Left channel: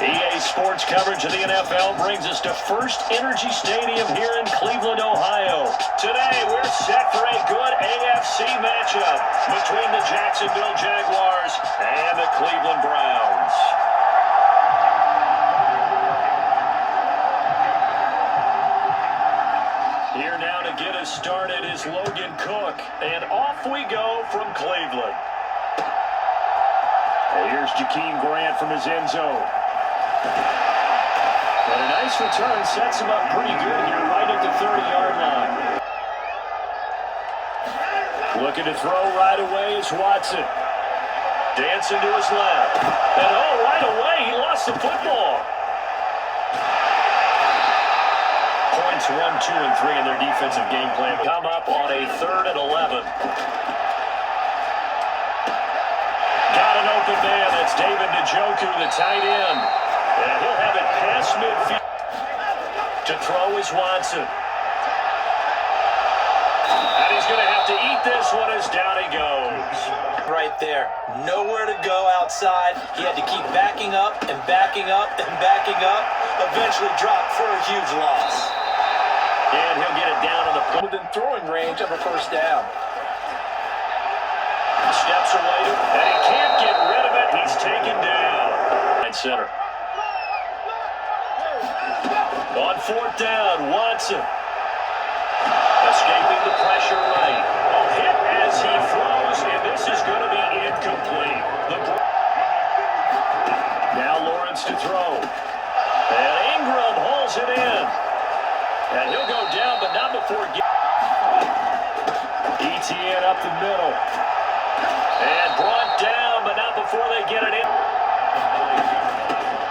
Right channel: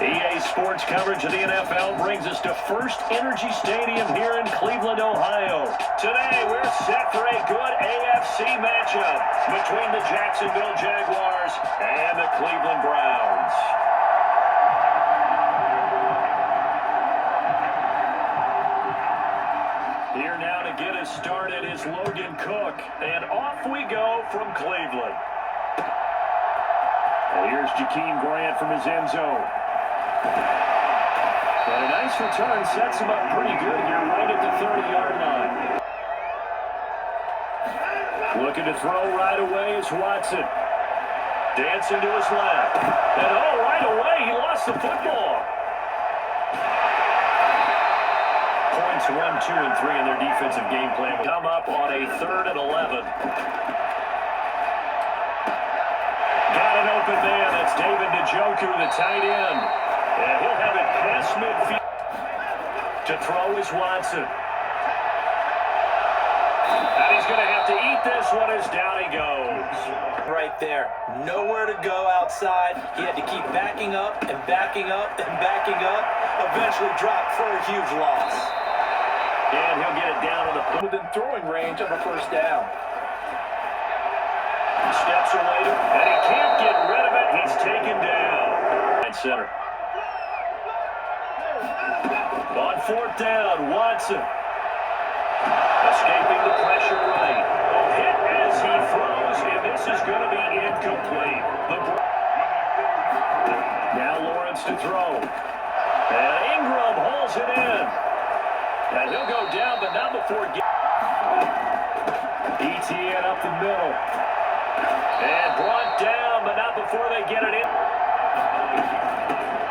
EA Sports coverage of the NFL brings us to First Energy Stadium here in Cleveland, Ohio. Today, we're set for a good AFC matchup between the Jacksonville Jaguars and the Cleveland Browns. Here now to get us started is Logan Cook, and off we go from Cleveland. And here's Jakeem Grant from his end zone. And a nice return sets him up pretty good here right at the 30-yard line. Looking to throw right away is Watson. Dancing to his left. And right away he lost the football. Points 1, 2, and 3 in their defensive game plan. Come up on a 3rd and 11. Got an open man. That's David Njoku, the tight end. And he'll have it past midfield. To throw is Watson. And he's going to have to eat this one as down he goes. Right there. Nowhere to go outside. He had to keep backing up and backing up and backing up. Eventually dropped for a huge loss. And he'll get it down on the within throwing range of a first down. Steps away, and he can't get rid of it. He's taken down. Right center. On 4th down, Watson. Escaping the pressure right. Hit as he throws, and this is going to be incomplete. Now Lawrence to throw. And Ingram hauls it in. And he'll go down, but not before ETN up the middle. And brought down, but not before they get it in.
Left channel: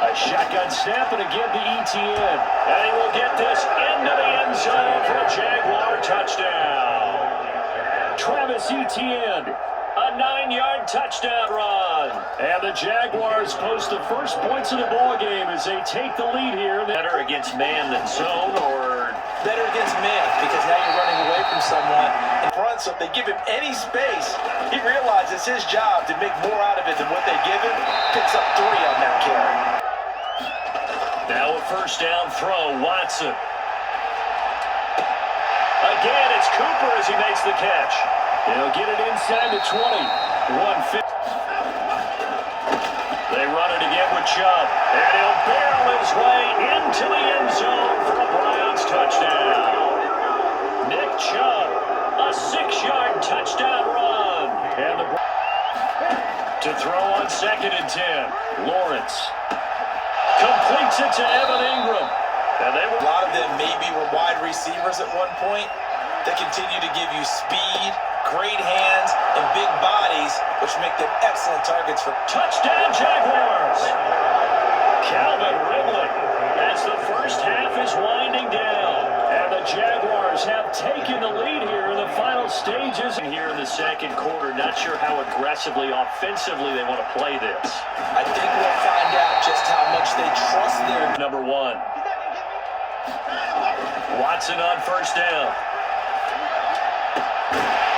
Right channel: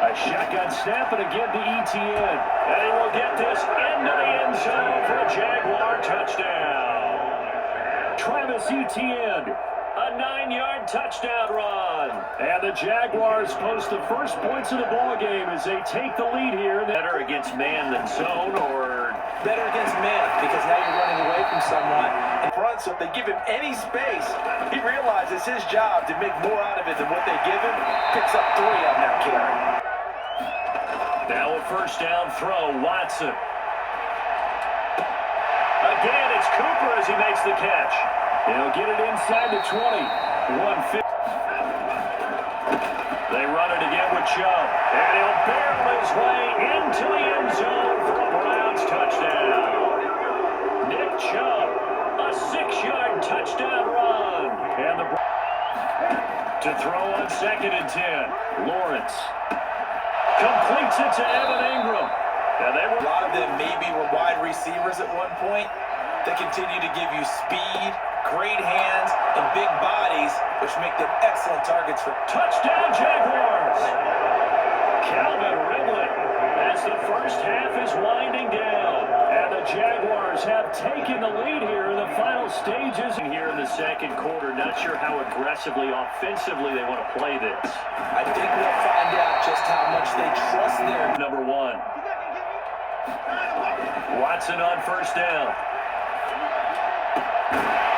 A shotgun snap, and again to ETN. And he will get this into the end zone for a Jaguar touchdown. Travis Etienne, a 9-yard touchdown run. And the Jaguars post the first points of the ball game as they take the lead here. Better against man than zone, or better against man, because now you're running away from someone in front, so if they give him any space, he realizes his job to make more out of it than what they give him. Picks up 3 on that carry. Now a first down throw, Watson. Again, it's Cooper as he makes the catch. He'll get it inside the 20. 150. They run it again with Chubb. And he'll barrel his way into the end zone for a Browns touchdown. Nick Chubb, a 6-yard touchdown run. And the to throw on 2nd and 10. Lawrence completes it to Evan Ingram. And they were a lot of them maybe were wide receivers at one point. They continue to give you speed, great hands, and big bodies, which make them excellent targets for touchdown Jaguars. Calvin Ridley as the first half is winding down. And the Jaguars have taken the lead here in the final stages. Here in the second quarter, not sure how aggressively, offensively they want to play this. I think we'll find out just how much they trust their number 1. Watson on first down.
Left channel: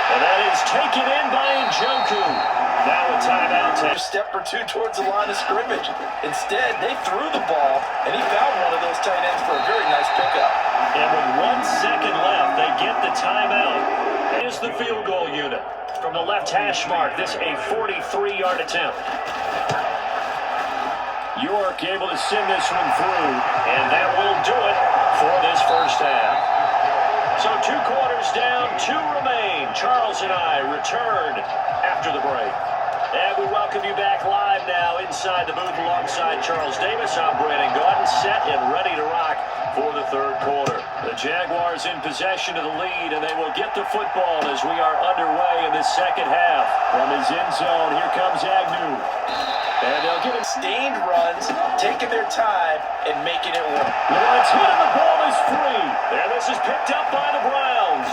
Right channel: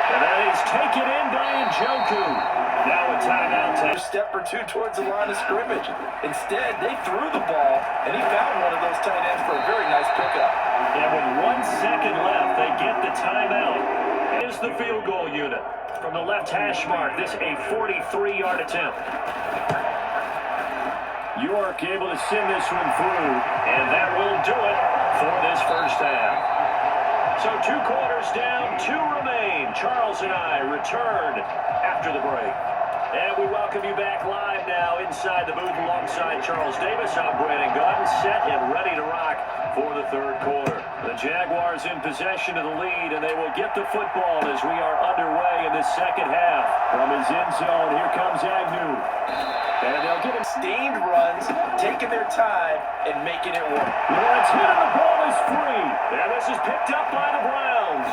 And that is taken in by Njoku. Now a timeout. A step or 2 towards the line of scrimmage. Instead, they threw the ball, and he found one of those tight ends for a very nice pickup. And with 1 second left, they get the timeout. Here's the field goal unit. From the left hash mark, this a 43-yard attempt. York able to send this one through, and that will do it for this first half. So 2 quarters down, 2 remain. Charles and I return after the break. And we welcome you back live now inside the booth alongside Charles Davis. I'm Brandon Gordon, set and ready to rock for the 3rd quarter. The Jaguars in possession of the lead, and they will get the football as we are underway in the second half. From his end zone, here comes Agnew. And they'll get him sustained runs, taking their time, and making it work. Lawrence hit, and the ball is free. And this is picked up by the Browns.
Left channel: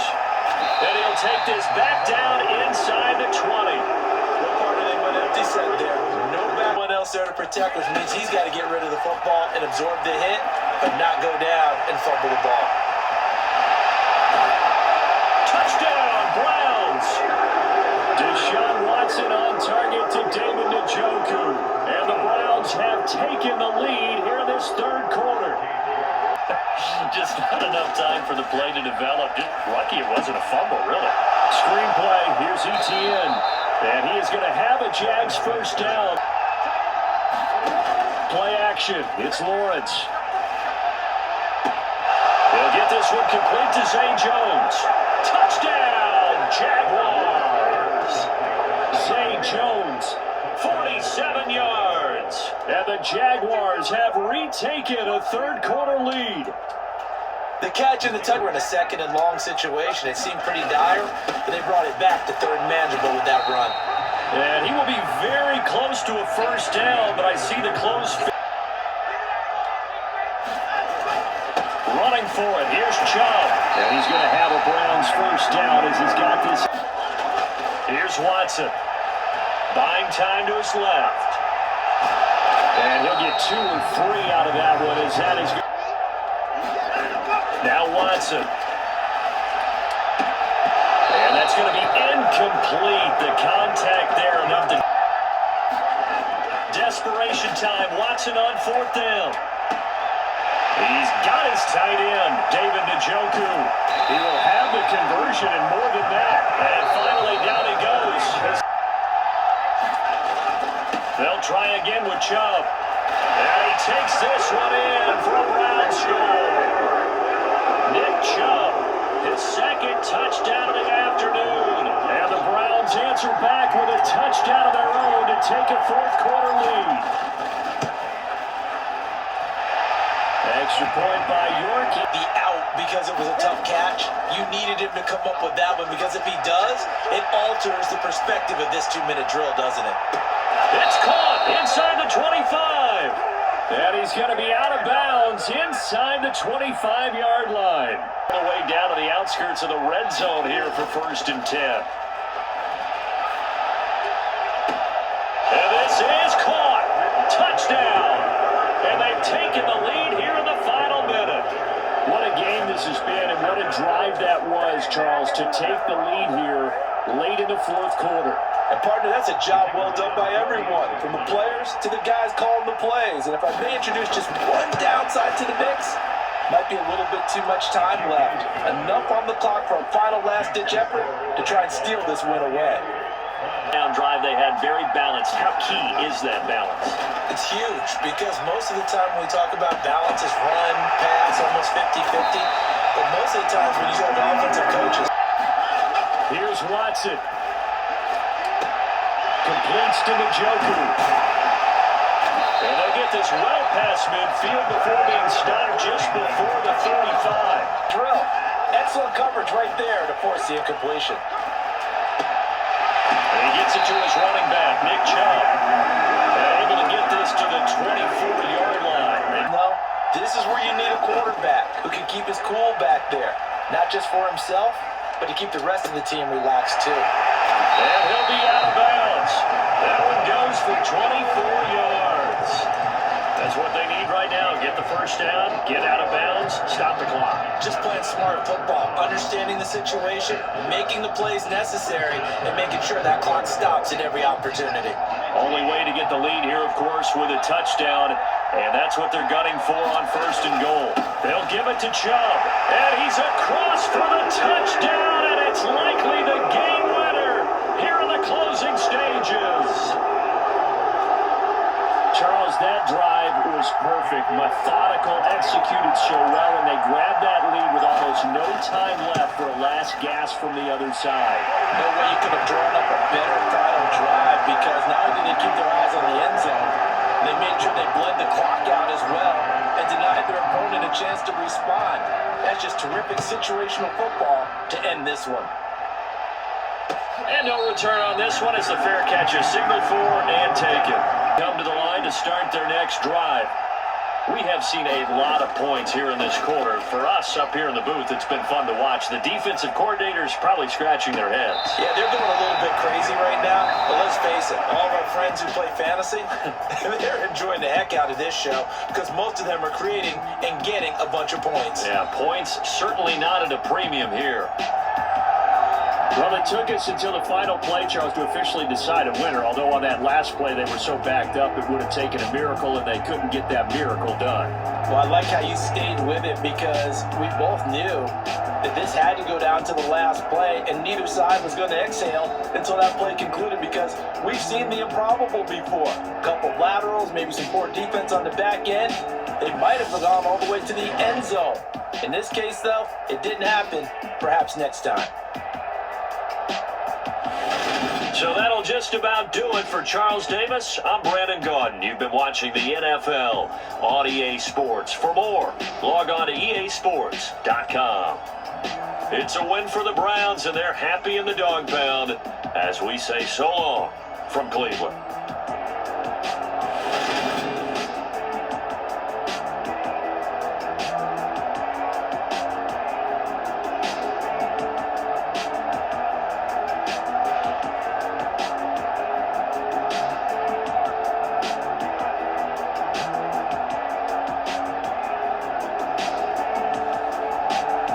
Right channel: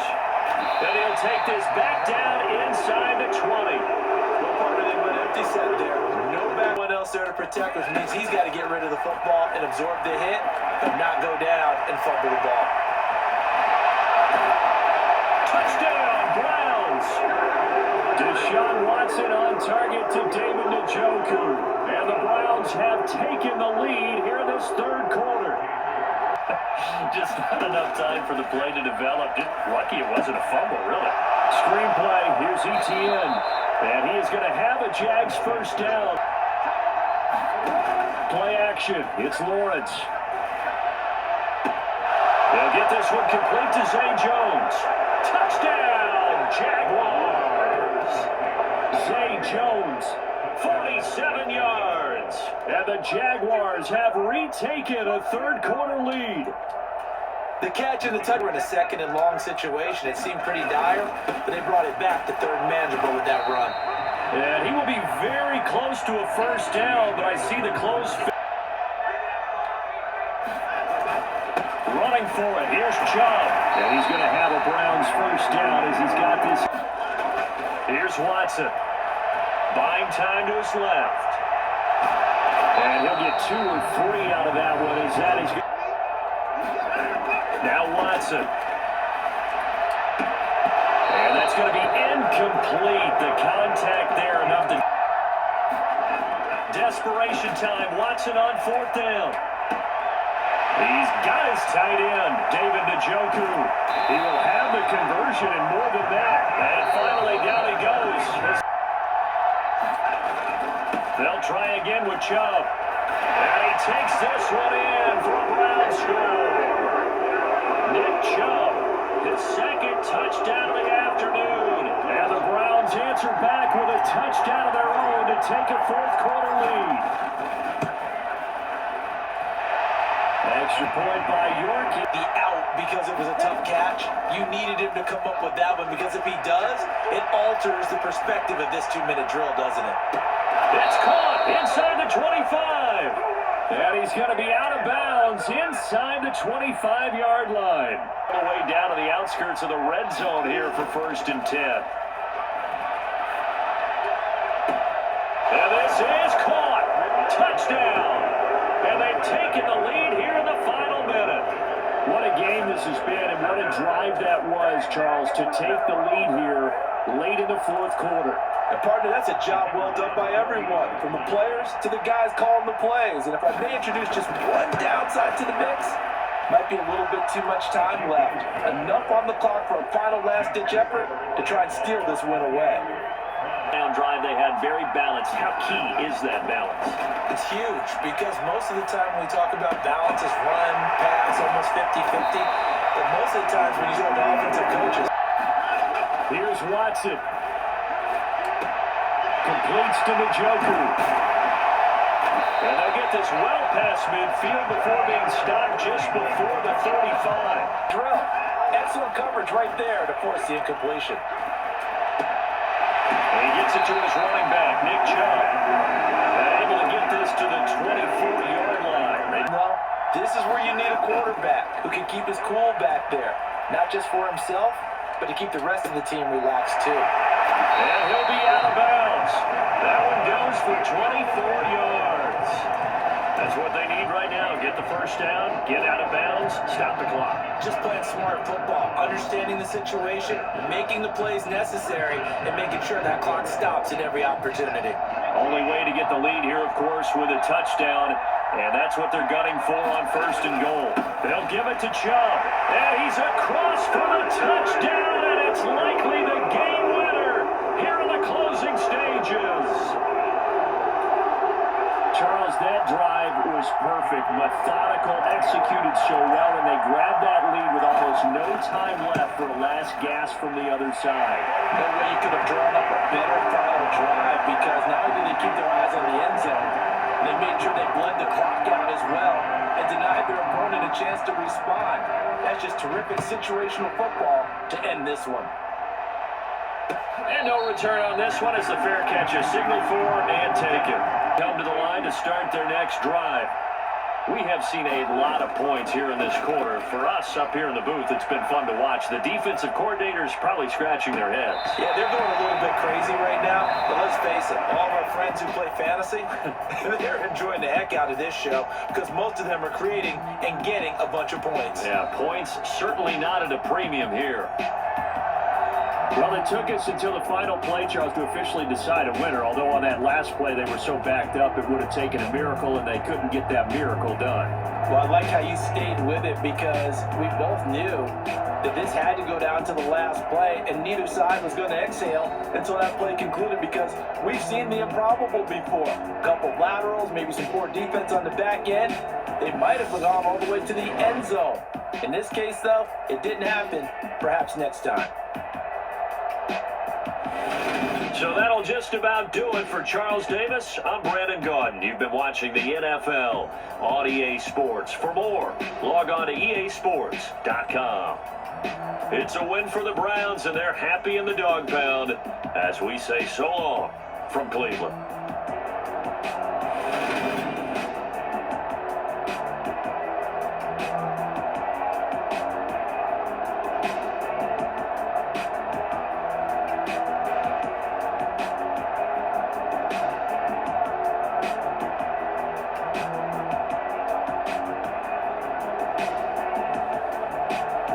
And he'll take this back down inside the 20. What part of it went empty set there? No one else there to protect, which means he's got to get rid of the football and absorb the hit, but not go down and fumble the ball. Touchdown, Browns. Deshaun Watson on target to David Njoku. And the Browns have taken the lead here in this third quarter. Just not enough time for the play to develop. Just lucky it wasn't a fumble, really. Screenplay, here's Etienne. And he is going to have a Jags first down. Play action, it's Lawrence. They'll get this one complete to Zay Jones. Touchdown, Jaguars. Zay Jones, 47 yards. And the Jaguars have retaken a third quarter lead. The catch and the touch were in a second and long situation. It seemed pretty dire, but they brought it back to third and manageable with that run. And he will be very close to a first down, but I see the close. Running for it, here's Chubb. And he's going to have a Browns first down as he's got this. Here's Watson. Buying time to his left. And he'll get 2 or 3 out of that one as that is good. Now Watson. And that's going to be incomplete. The contact there enough to... Desperation time. Watson on fourth down. He's got his tight end, David Njoku. He will have the conversion and more than that. And finally down he goes. They'll try again with Chubb. And he takes this one in for a Browns score. Nick Chubb, his second touchdown of the afternoon. And the Browns answer back with a touchdown of their own to take a fourth quarter lead. Extra point by York. The out because it was a tough catch. You needed him to come up with that one because if he does, it alters the perspective of this 2-minute drill, doesn't it? It's caught inside the 25. And he's going to be out of bounds inside the 25-yard line. All the way down to the outskirts of the red zone here for 1st and 10. And this is caught. Touchdown. And they've taken the lead here in the final minute. What a game this has been and what a drive that was, Charles, to take the lead here late in the fourth quarter. And partner, that's a job well done by everyone, from the players to the guys calling the plays. And if I may introduce just one downside to the mix, might be a little bit too much time left. Enough on the clock for a final last-ditch effort to try and steal this win away. Down drive they had very balanced. How key is that balance? It's huge because most of the time when we talk about balance is run, pass, almost 50-50. But most of the times when you talk to offensive coaches. Here's Watson. Completes to Njoku. And they get this well past midfield before being stopped just before the 35. Drill. Excellent coverage right there to force the incompletion. And he gets it to his running back, Nick Chubb. Able to get this to the 24-yard line. No, this is where you need a quarterback who can keep his cool back there. Not just for himself, but to keep the rest of the team relaxed too. And he'll be out of bounds. That one goes for 24 yards. That's what they need right now. Get the first down, get out of bounds, stop the clock. Just playing smart football, understanding the situation, making the plays necessary, and making sure that clock stops at every opportunity. Only way to get the lead here, of course, with a touchdown. And that's what they're gunning for on 1st and goal. They'll give it to Chubb. And he's across for the touchdown, and it's likely the game winner here in the closing stages. Charles, that drive was perfect. Methodical, executed so well, and they grabbed that lead with almost no time left for a last gasp from the other side. No way you could have drawn up a better final drive because not only did they keep their eyes on the end zone, they made sure they bled the clock out as well and denied their opponent a chance to respond. That's just terrific situational football to end this one. And no return on this one as the fair catch is signaled for and taken. Come to the line to start their next drive. We have seen a lot of points here in this quarter. For us up here in the booth, it's been fun to watch. The defensive coordinators probably scratching their heads. Yeah, they're going a little bit crazy right now, but let's face it, all of our friends who play fantasy, they're enjoying the heck out of this show because most of them are creating and getting a bunch of points. Yeah, points certainly not at a premium here. Well, it took us until the final play, Charles, to officially decide a winner, although on that last play they were so backed up it would have taken a miracle, and they couldn't get that miracle done. Well, I like how you stayed with it because we both knew that this had to go down to the last play, and neither side was going to exhale until that play concluded because we've seen the improbable before. A couple of laterals, maybe some poor defense on the back end. They might have gone all the way to the end zone. In this case, though, it didn't happen. Perhaps next time. So that'll just about do it for Charles Davis. I'm Brandon Gaudin. You've been watching the NFL on EA Sports. For more, log on to easports.com. It's a win for the Browns, and they're happy in the dog pound as we say so long from Cleveland.